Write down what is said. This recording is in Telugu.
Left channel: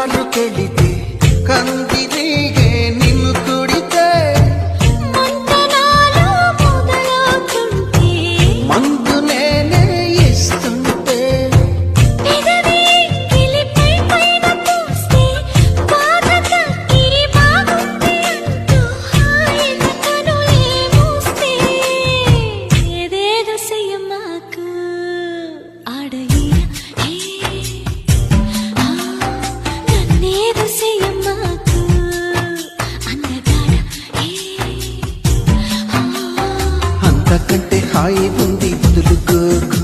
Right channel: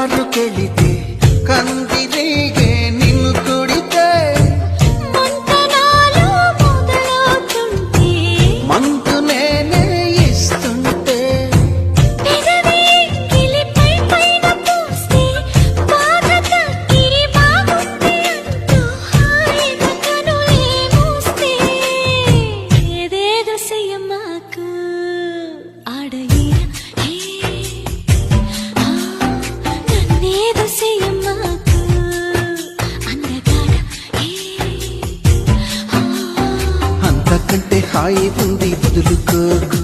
ಕಾರು ಕೆಳಿದೆ ಕಂದಿರಿಗೆ ನಿನ್ನು ಕುಡಿತೆ మంతనాలు మొదలవుతుంటే మందు నేనే ఇస్తుంటే పెదవి గిలిపై పైన పూస్తే బాధ తగ్గి బాగుంది అంటూ హాయిగా కనులే మూస్తే ఏదేదో చెయ్యమాకు ఆడయిరా హే నన్నేదో చెయ్యమాకు అందగాడ హే అంతకంటే హాయి ఉంది వదులుకోకు